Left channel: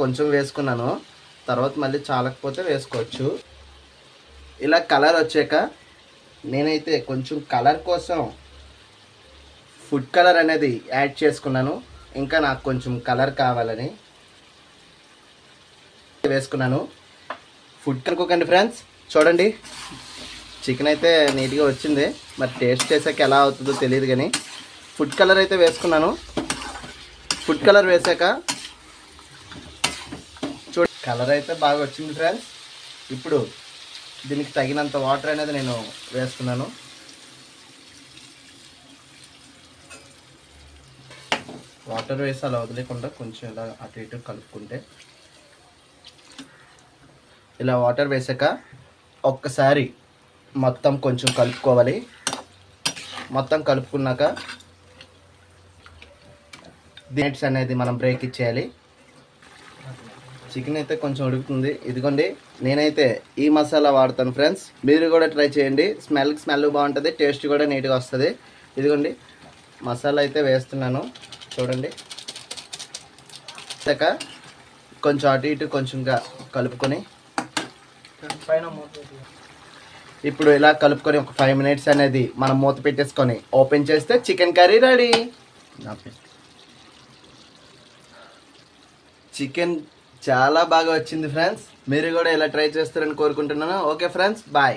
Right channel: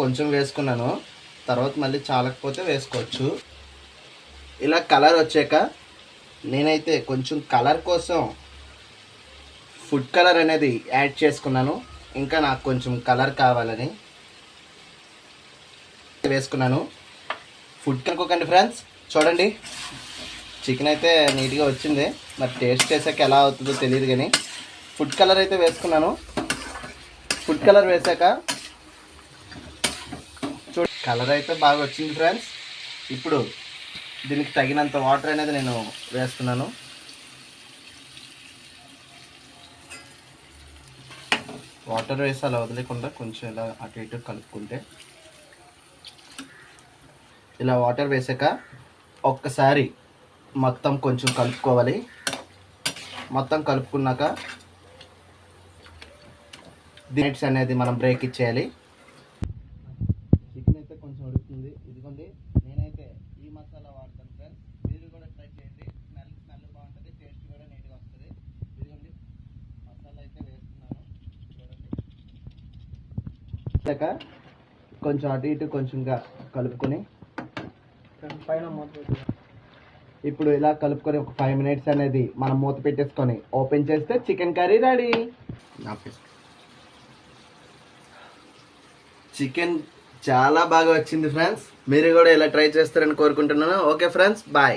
కొంచెం వేసుకున్నాను, తర్వాత మళ్ళీ చాలకపోతే వేసుకోవచ్చు. ఇలా కలర్ వచ్చాక నేనైతే కొంచెం కలర్ కోసం ఫుడ్ కలర్ అనేది యాడ్ చేసుకున్నాను. ఇంకా నాకు కొంచెం కలర్ కావాలని వేసుకున్నాను. ఫుడ్ కనుక్కోకండి ఫ్రెండ్స్. చూడండి, చికెన్ అయితే నీట్గా వచ్చింది. మరి టేస్ట్ చేసాక ఎలా అవుతుందో తెలియదు, కానీ ఫుడ్ కలర్ అయితే వేసుకున్నాను. ఫుడ్ కలర్ వేసాక కలర్ అయితే బాగా వచ్చింది ఫ్రెండ్స్. ఇప్పుడు దీనికి తగినంత వాటర్ అనేది నేను వేస్తున్నాను. వాటర్ వేసి అలా వదిలేకుండా కొంచెం ఇలా అటు ఇటు కలుపుకుంటే, ఇలా వాటర్ వేసాక ఒక్కసారి మొత్తం కొంచెం కలుపుకోవాలి. మొత్తం కలుపుకున్నాక మినిట్స్ అనేది మనం బ్రేక్ ఇచ్చేయాలి. చికెన్ అయితే కొంచెం ఉడుకుతుంది. ఇదిగోండి, నేనైతే ఈ మసాలా వాడతాను ఫ్రెండ్స్. మీరు కూడా ట్రై చేయండి. స్మెల్ బాగుంటుంది, టేస్ట్ కూడా నీట్గా వస్తుంది. ఇదిగోండి, మసాలా అయితే వేస్తున్నాను. చూడండి, కొంచెం అటు ఇటు కొంచెంగా కలుపుకొని ఇప్పుడు ఇలా కలుపుకొని ఒక 5 మినిట్స్ అనేది మనం మూత పెట్టేసుకొని ఓపెన్ చేస్తే చికెన్ కర్రీ రెడీ. చికెన్ చాలా బాగా వచ్చింది ఫ్రెండ్స్. మీరు కూడా ఇలా ట్రై చేస్తారని కోరుకుంటున్నాను. Okay friends, bye.